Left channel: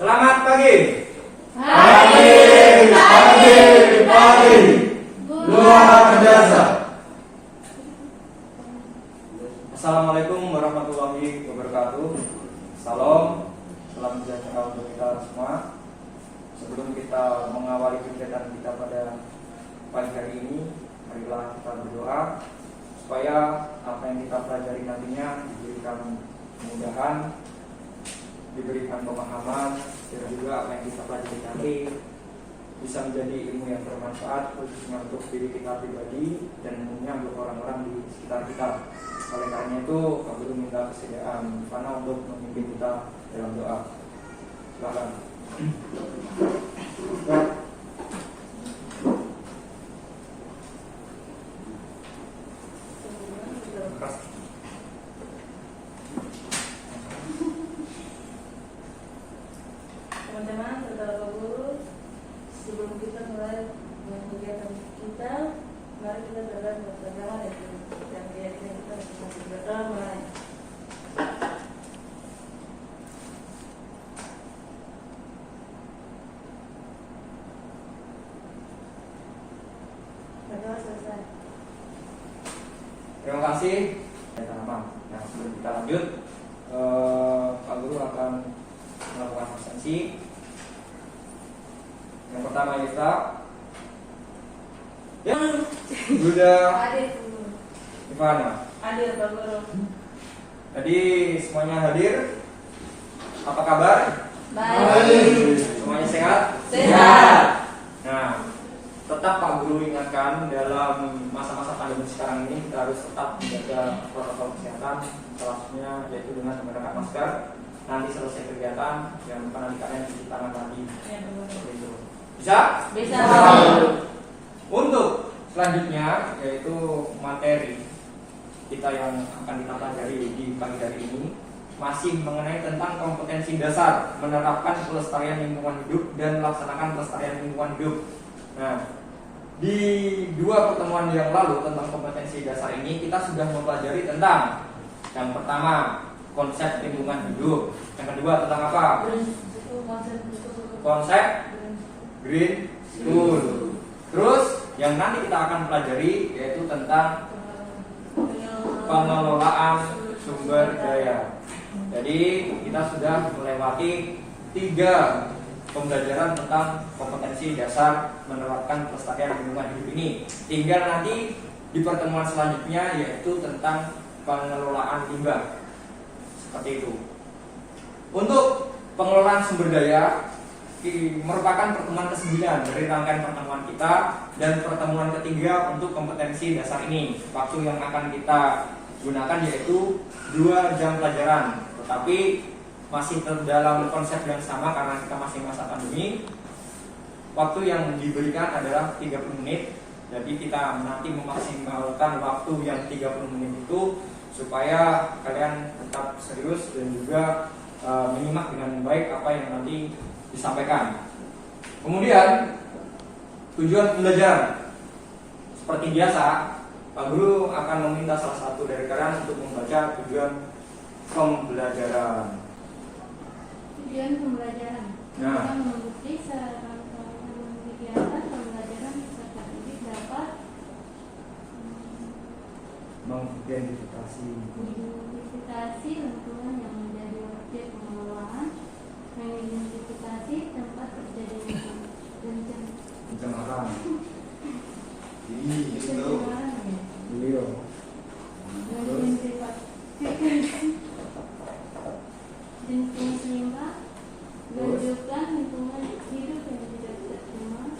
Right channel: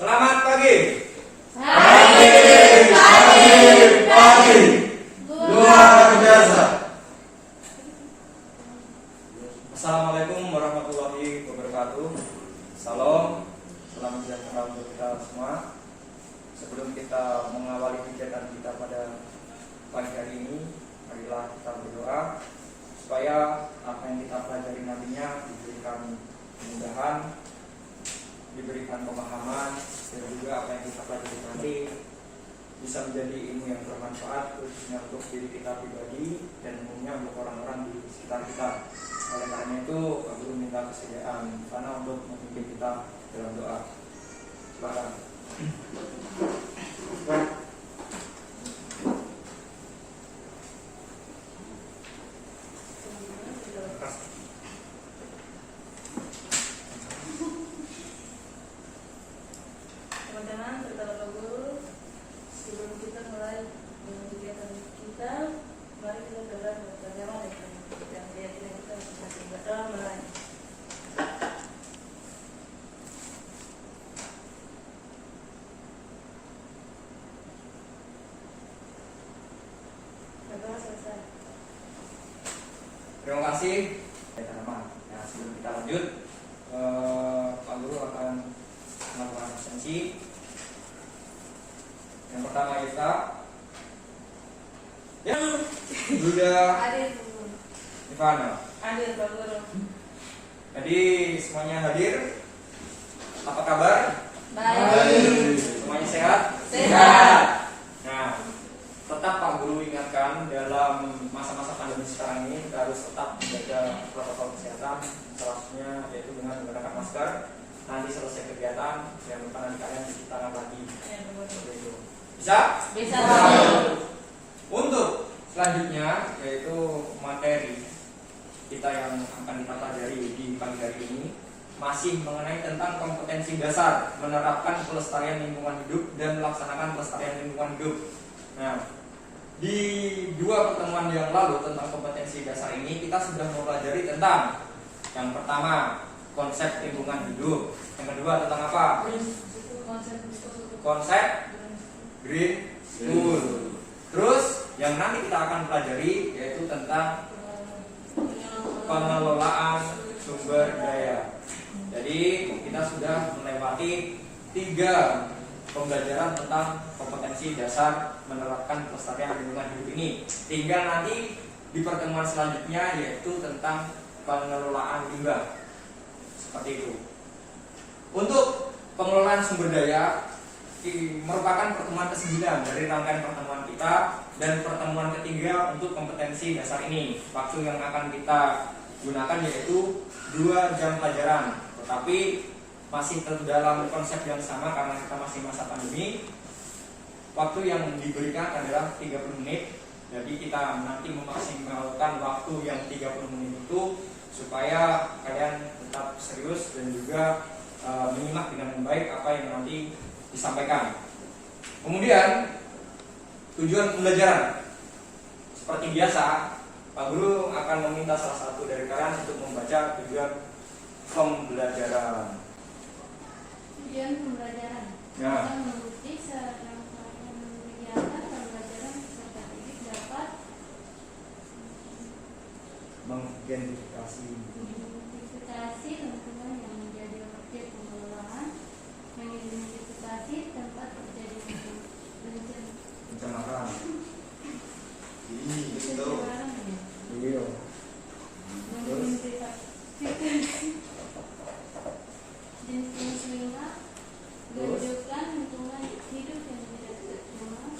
Selamat pagi. Pagi. Luar biasa. Assalamualaikum warahmatullahi wabarakatuh. Salam, salam sejahtera untuk kita semua. Sebelum kita mengawali kegiatan kita pada pagi hari ini, marilah kita berdoa supaya apa yang kita pelajari nantinya diberikan kemudahan, diberikan pemahaman, dan juga apa yang kita pelajari nanti bisa menjadi ilmu yang bermanfaat khususnya untuk diri kita pribadi dan umumnya untuk orang-orang di sekitar kita. Oleh karena itu, Pak Guru minta kesediaan Fana untuk memimpin kita dalam doa. Silakan. Teman-teman, terutama Pak Guru, sebelum kita mulai kegiatan kita, mari kita berdoa bersama dan keyakinan kita masing-masing berdoa mulai. Berdoa selesai. Terima kasih. Nah, sebelum kita lanjut, Pak Guru akan melakukan absensi. Yang pertama kita, ya, Bunda Hadir, Ivana. hadir Pak Guru. Jadi semuanya hadir. Apa kabar? Baik. Semuanya sehat? Sehat. Nah, tetap Pak Guru ingatkan dalam masa-masa pandemi sekarang ini kita harus tetap menjaga protokol kesehatan, salah satunya yaitu dengan menggunakan masker. Nanti selesai kegiatan yang pernah kalian cuci tangan tadi. Ya, Pak Guru. Seperti itu. Bisa? Bisa. Untuk selanjutnya yaitu materi kita yang akan kita pelajari di pagi hari ini masih mengenai tentang kompetensi dasar menerapkan pelestarian lingkungan hidup dan melaksanakan pelestarian lingkungan hidup. Nah, di dua pertemuan yang lalu tentang kompetensi dasar ini kita sudah mempelajari tentang yang pertama konsep lingkungan hidup, yang kedua tentang apa? Konsep green tool. Terus yang nanti kita akan pelajari yaitu tentang pengelolaan sumber daya. Jadi kita sudah melewati 3 pembelajaran tentang kompetensi dasar menerapkan pelestarian lingkungan hidup ini. Tinggal nanti di pertemuan selanjutnya yaitu tentang pengelolaan limbah. Seperti itu. Untuk pengelolaan sumber daya merupakan pertemuan ke-9 dari rangkaian pertemuan kita dan pertemuan ketiga untuk kompetensi dasar ini. Waktu yang akan kita gunakan yaitu 2 jam pelajaran, tetapi masih dalam konsep yang sama karena kita masih masa pandemi. Waktu yang diberikan adalah 30 menit. Jadi kita nanti memaksimalkan waktu yang 30 menit itu supaya kalian tetap serius dan juga menyimak dengan baik apa yang nanti disampaikan. Kemudian tujuan pembelajaran seperti biasa, Pak Guru akan meminta salah satu dari kalian untuk membaca tujuan pembelajaran. Tujuan pembelajaran. Nah. Kita mengikuti serangkaian kegiatan pembelajaran peserta didik dapat Mengidentifikasi mengidentifikasi lingkungan yang menjadi objek pengelolaan, mengidentifikasi tempat terjadinya pencemaran. pencemaran, Iya. mengidentifikasi jenis limbah, menunjukkan lingkungan hidup yang tidak tercemar,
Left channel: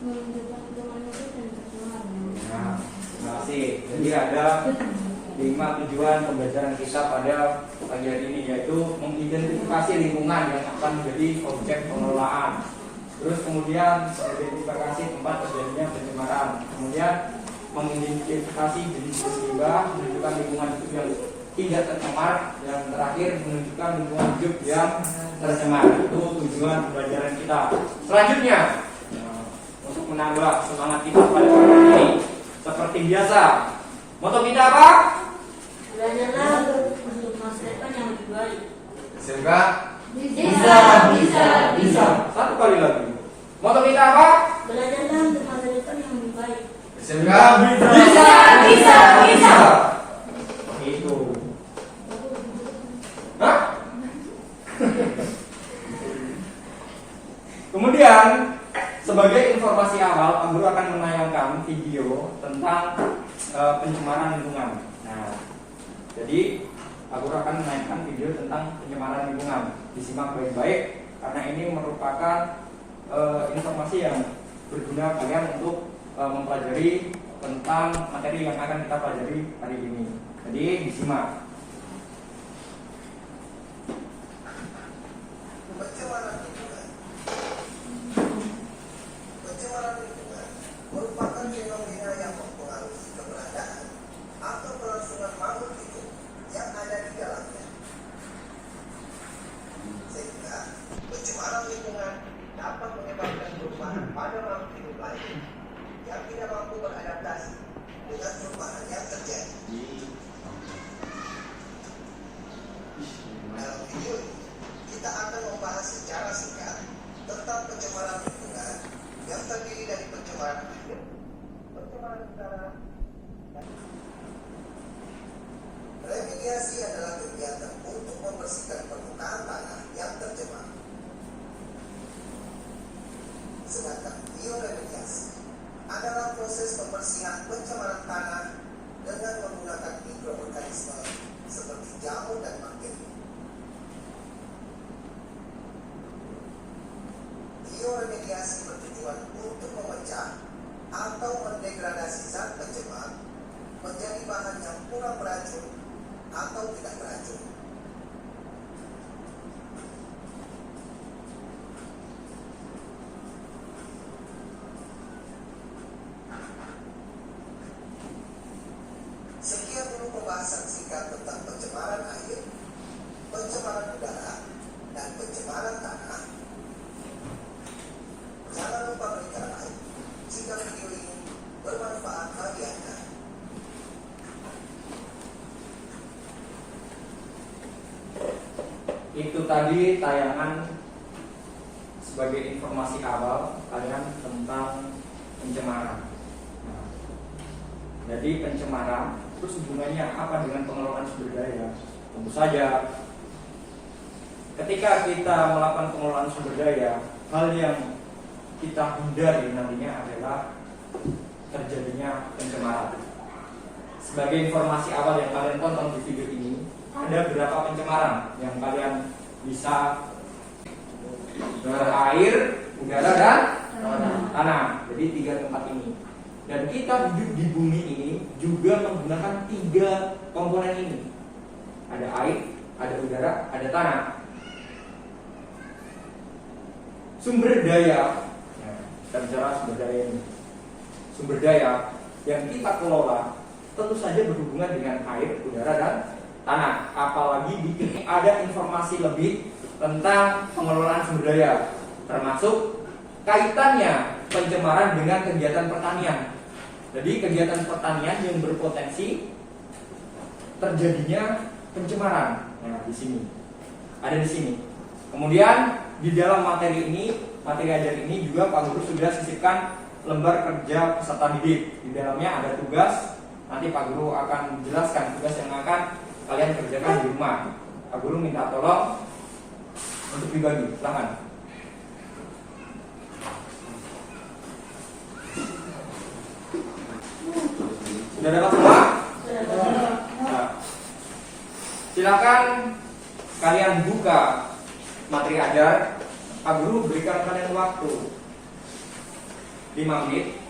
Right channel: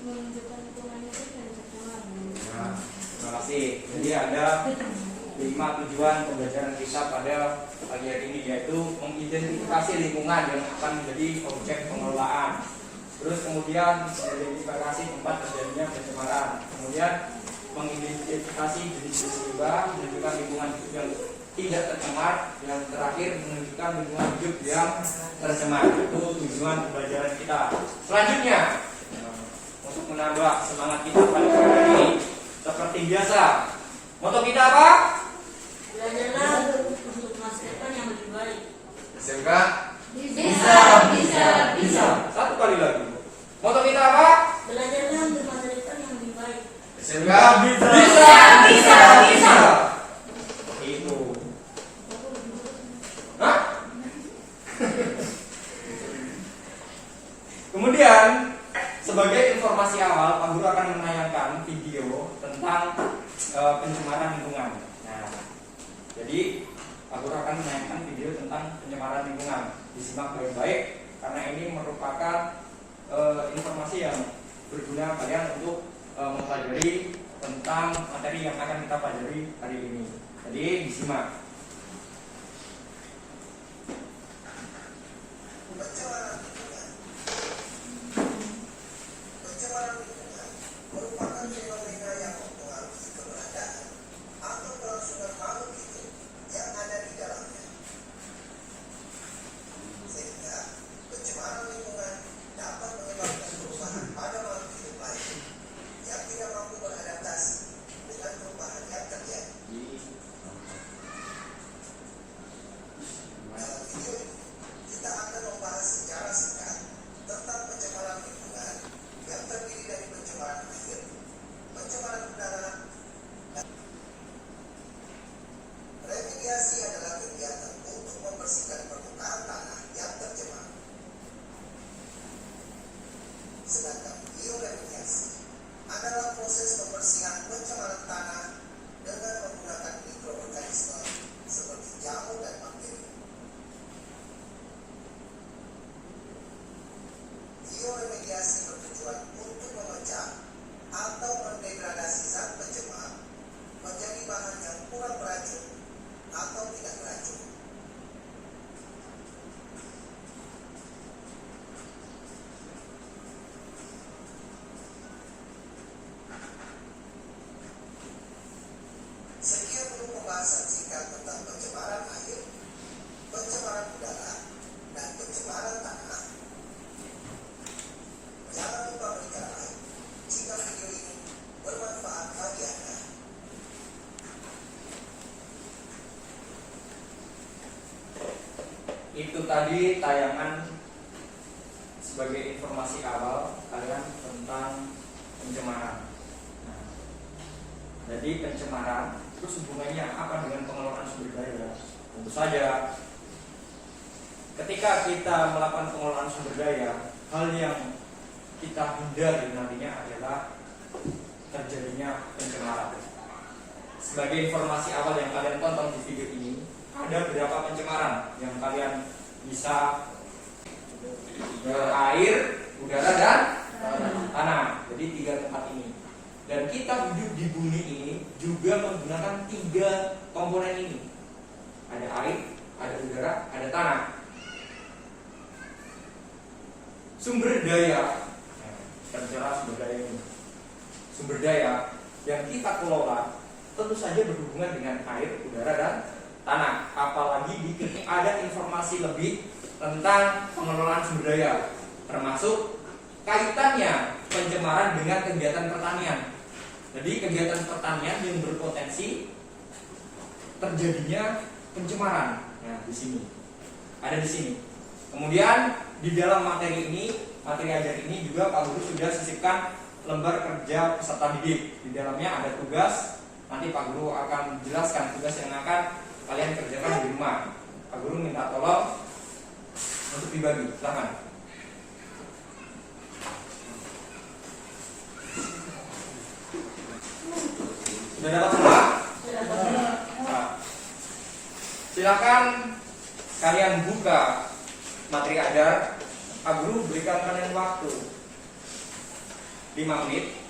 menunjukkan lingkungan hidup yang tercemar. Nah, terima kasih. Jadi ada 5 tujuan pembelajaran kita pada pagi hari ini, yaitu mengidentifikasi lingkungan yang akan menjadi objek pengelolaan. Terus kemudian mengidentifikasi tempat terjadinya pencemaran. Kemudian mengidentifikasi jenis-jenis limbah, menunjukkan lingkungan hidup yang tidak tercemar, dan terakhir menunjukkan lingkungan hidup yang tercemar. Itu tujuan pembelajaran kita. Selanjutnya, untuk menambah semangat kita pada hari ini, seperti biasa, moto kita apa? Belajarlah untuk masa depan yang lebih baik. SMK Bisa. Satu kali lagi. Moto kita apa? Belajarlah untuk masa depan yang lebih baik. SMK Bisa. Itu. Hah? Kemudian sebagai informasi awal, Pak Guru akan menayangkan video tentang pencemaran lingkungan. Nah, jadi Pak Guru akan menayangkan video tentang pencemaran lingkungan. Disimak baik-baik karena ini merupakan informasi yang berguna kalian untuk mempelajari tentang materi yang akan kita pelajari hari ini. Jadi disimak. Pencemaran lingkungan merupakan fenomena yang mempengaruhi keberadaan atau kelangsungan makhluk hidup yang ada di dalamnya. Sehingga pencemaran lingkungan dapat menyebabkan perubahan pada makhluk hidup lain yang tidak mampu beradaptasi dengan perubahan yang terjadi. Dalam video ini, kita akan membahas secara singkat tentang pencemaran lingkungan yang terdiri dari pencemaran air, pencemaran udara, dan remediasi adalah kegiatan untuk membersihkan permukaan tanah yang tercemar. Sedangkan bioremediasi adalah proses pembersihan pencemaran tanah dengan menggunakan mikroorganisme seperti jamur dan bakteri. Bioremediasi bertujuan untuk memecah atau mendegradasi zat pencemar menjadi bahan yang kurang beracun atau tidak beracun. Sekian dulu pembahasan singkat tentang pencemaran air, pencemaran udara, dan pencemaran tanah. Jangan lupa berikan like jika video ini bermanfaat bagi Anda. Itu tadi tayangan sebagai informasi awal kalian tentang pencemaran. Nah, jadi pencemaran terus hubungannya apa dengan pengelolaan sumber daya? Tentu saja ketika kita melakukan pengelolaan sumber daya, hal yang kita hindari nantinya adalah terjadinya pencemaran. Sebagai informasi awal yang kalian tonton di video ini, ada berapa pencemaran yang kalian bisa air, udara, dan tanah. Jadi 3 tempat ini. Dan kita hidup di bumi ini juga menggunakan 3 komponen ini. Ada air, ada udara, ada tanah. Sumber daya, kita bicara sumber daya ini. Sumber daya yang kita kelola tentu saja berhubungan dengan air, udara, dan tanah. Apalagi di sini ada informasi lebih tentang pengelolaan sumber daya, termasuk kaitannya pencemaran dengan kegiatan pertanian. Jadi kegiatan pertanian yang berpotensi terjadinya pencemaran. Nah, di sini ada di sini. Kemudian di dalam materi ini, materi ajar ini juga Pak Guru sudah sisipkan lembar kerja peserta didik. Di dalamnya ada tugas. Nanti Pak Guru akan menjelaskan tugas yang akan kalian kerjakan di rumah. Pak Guru minta tolong untuk dibagi. Silahkan. Sudah dapat semua? Nah, silakan kalian buka materi ajar. Pak Guru berikan kalian waktu 5 menit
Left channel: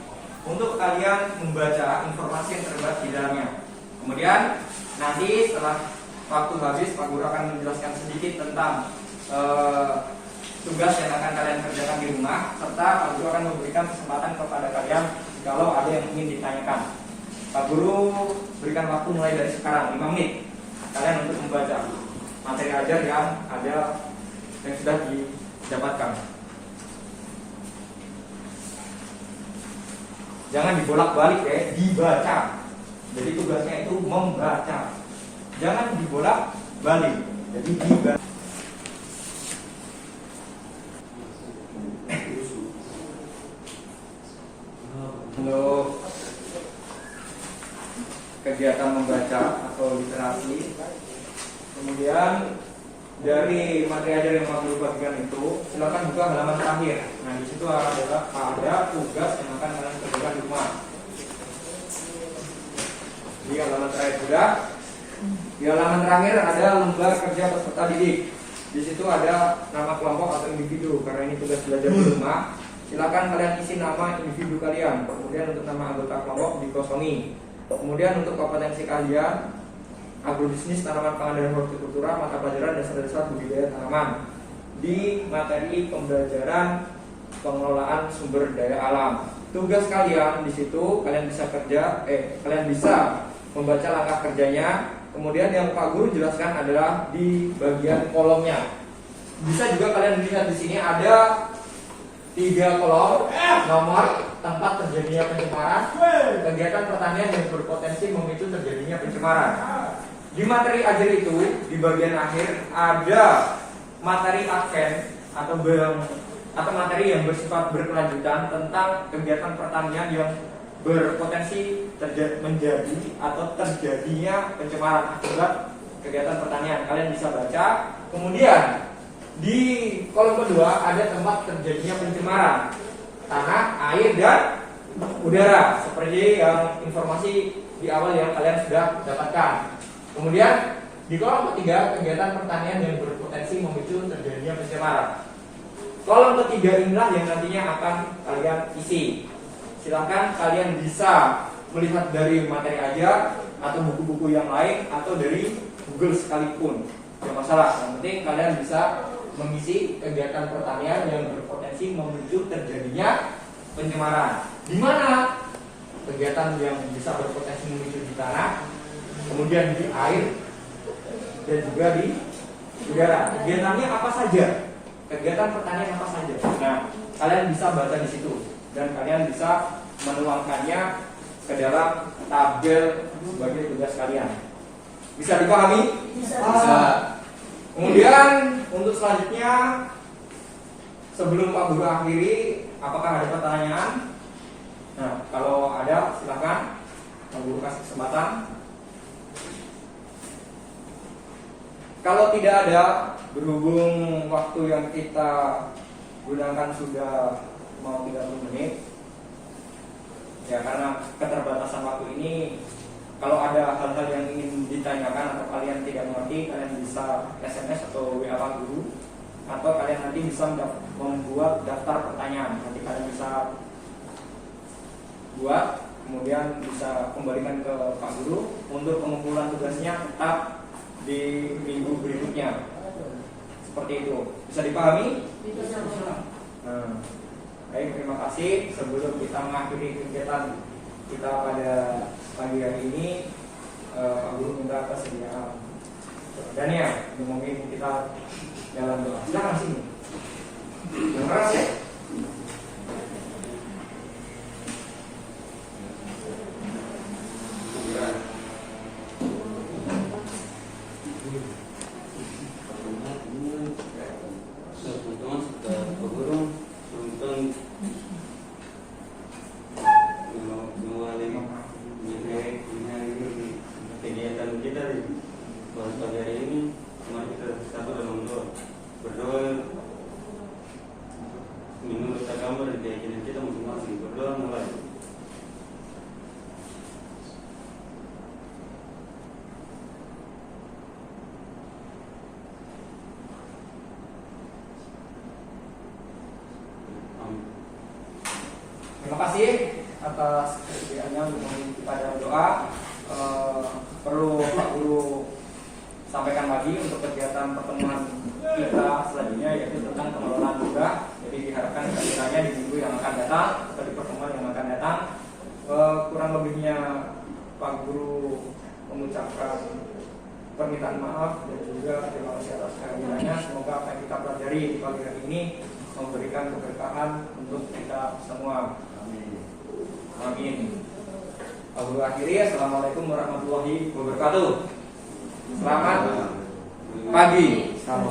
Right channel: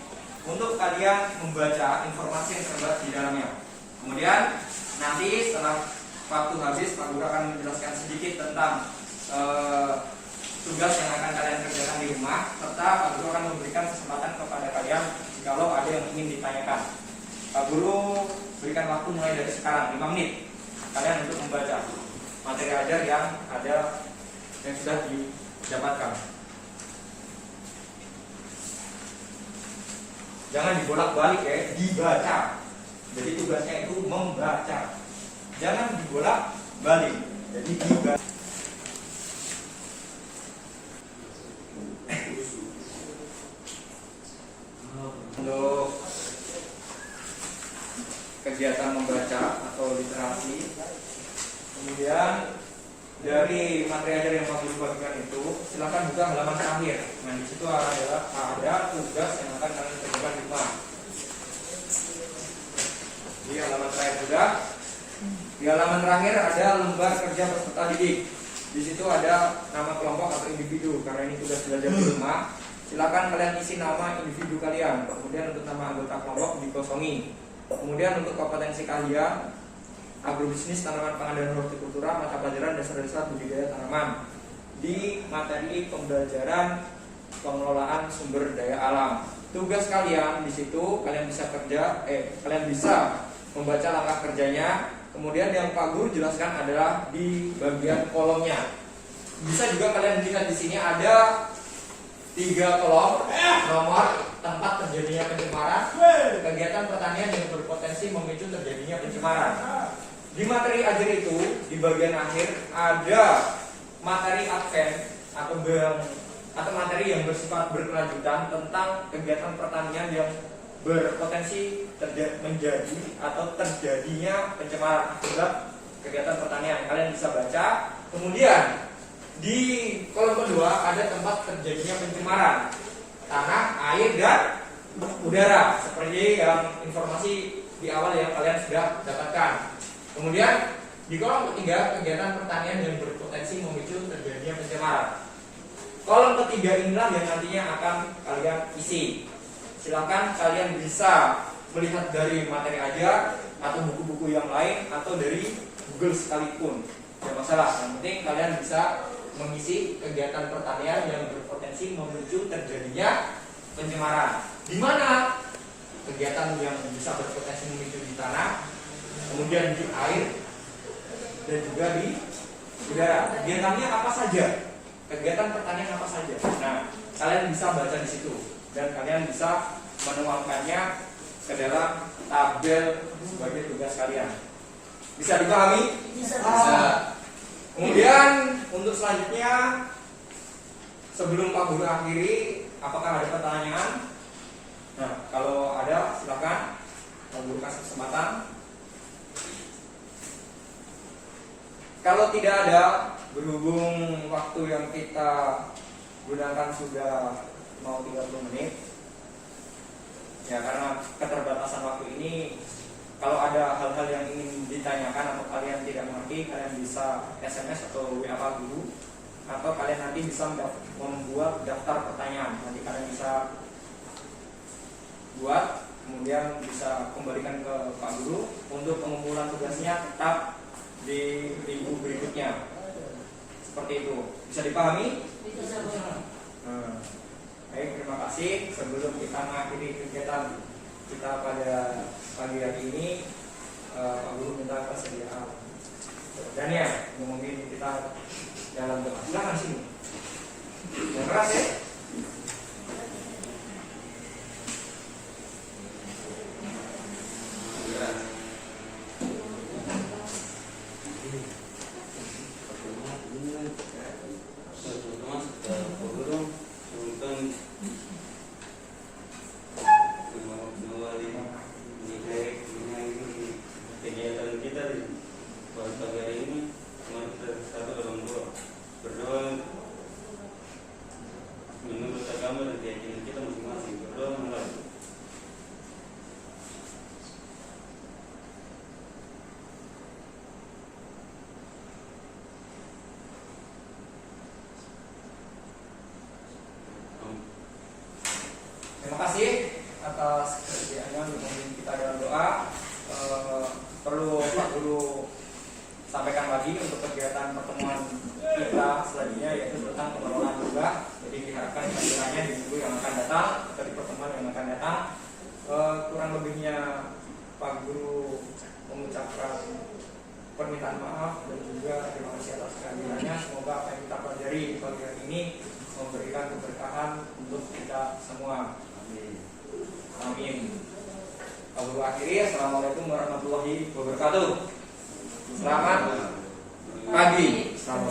untuk kalian membaca informasi yang terdapat di dalamnya. Kemudian nanti setelah waktu habis, Pak Guru akan menjelaskan sedikit tentang tugas yang akan kalian kerjakan di rumah, serta Pak Guru akan memberikan kesempatan kepada kalian kalau ada yang ingin ditanyakan. Pak Guru berikan waktu mulai dari sekarang 5 menit kalian untuk membaca materi ajar yang ada yang sudah didapatkan. Jangan dibolak-balik ya, dibaca. Jadi tugasnya itu membaca. Jangan dibolak-balik. Jadi dibaca. kegiatan membaca atau literasi. Kemudian dari materi ajar yang Pak Guru bagikan itu, silakan buka halaman terakhir. Nah, di situ ada tugas yang akan kalian kerjakan di rumah. Di halaman terakhir sudah. Di halaman terakhir ada lembar kerja peserta didik. Di situ ada nama kelompok atau individu. Karena ini tugas belajar di rumah, silakan kalian isi nama individu kalian. Kemudian untuk nama anggota kelompok dikosongi. Kemudian untuk kompetensi kalian, agrobisnis, tanaman pangan dan hortikultura, mata pelajaran dasar-dasar budidaya tanaman. Di materi pembelajaran pengelolaan sumber daya alam. Tugas kalian di situ kalian bisa membaca langkah kerjanya. Kemudian yang Pak Guru jelaskan adalah di bagian kolomnya. Bisa juga kalian lihat di sini ada 3 kolom, nomor tempat terjadinya pencemaran, kegiatan pertanian yang berpotensi memicu terjadinya pencemaran. Di materi ajar itu di bagian akhir ada materi advent atau materi yang bersifat berkelanjutan tentang kegiatan pertanian yang berpotensi menjadi atau terjadinya pencemaran akibat kegiatan pertanian. Kalian bisa baca. Kemudian di kolom kedua ada tempat terjadinya pencemaran tanah, air, dan udara, seperti yang informasi di awal yang kalian sudah dapatkan. Kemudian di kolom ketiga kegiatan pertanian yang berpotensi memicu terjadinya pencemaran. Kolom ketiga inilah yang nantinya akan kalian isi. Silakan kalian bisa melihat dari materi ajar atau buku-buku yang lain atau dari Google sekalipun, tidak masalah. Yang penting kalian bisa mengisi kegiatan pertanian yang berpotensi memicu terjadinya pencemaran. Di mana kegiatan yang bisa berpotensi memicu di tanah, kemudian di air, dan juga di udara. Kegiatannya apa saja? Kegiatan pertanian apa saja? Nah, kalian bisa baca di situ dan kalian bisa menuangkannya ke dalam tabel sebagai tugas kalian. Bisa dipahami? Bisa. Kemudian untuk selanjutnya, sebelum Pak Guru akhiri, apakah ada pertanyaan? Nah, kalau ada silakan Pak Guru kasih kesempatan. Kalau tidak ada, berhubung waktu yang kita gunakan sudah mau 30 menit, ya karena keterbatasan waktu ini, kalau ada hal-hal yang ingin ditanyakan atau kalian tidak mengerti, kalian bisa SMS atau WA Pak Guru, atau kalian nanti bisa membuat daftar pertanyaan. Nanti kalian bisa buat, kemudian bisa kembalikan ke Pak Guru. Untuk pengumpulan tugasnya tetap di minggu berikutnya. Seperti itu. Bisa dipahami? Bisa. Nah, baik, terima kasih. Sebelum kita mengakhiri kegiatan kita pada pagi hari ini, Pak Guru minta persediaan Dania yang mungkin kita jalan doa. Silakan sini. Yang keras ya. kegiatan kita di pagi hari ini, mari kita satu dalam doa, berdoa menurut agama dan keyakinan kita masing-masing. Berdoa mulai. Terima kasih atas kesediaannya untuk kita dalam doa. Perlu Pak Guru sampaikan lagi untuk kegiatan pertemuan kita selanjutnya, yaitu tentang pengelolaan limbah. Jadi diharapkan kiranya di minggu yang akan datang atau di pertemuan yang akan datang, kurang lebihnya Pak Guru mengucapkan permintaan maaf dan juga terima kasih atas kehadirannya. Semoga apa yang kita pelajari di pagi hari ini memberikan keberkahan untuk kita semua. Amin. Pak Guru akhiri. Assalamualaikum warahmatullahi wabarakatuh. Selamat pagi. Salam.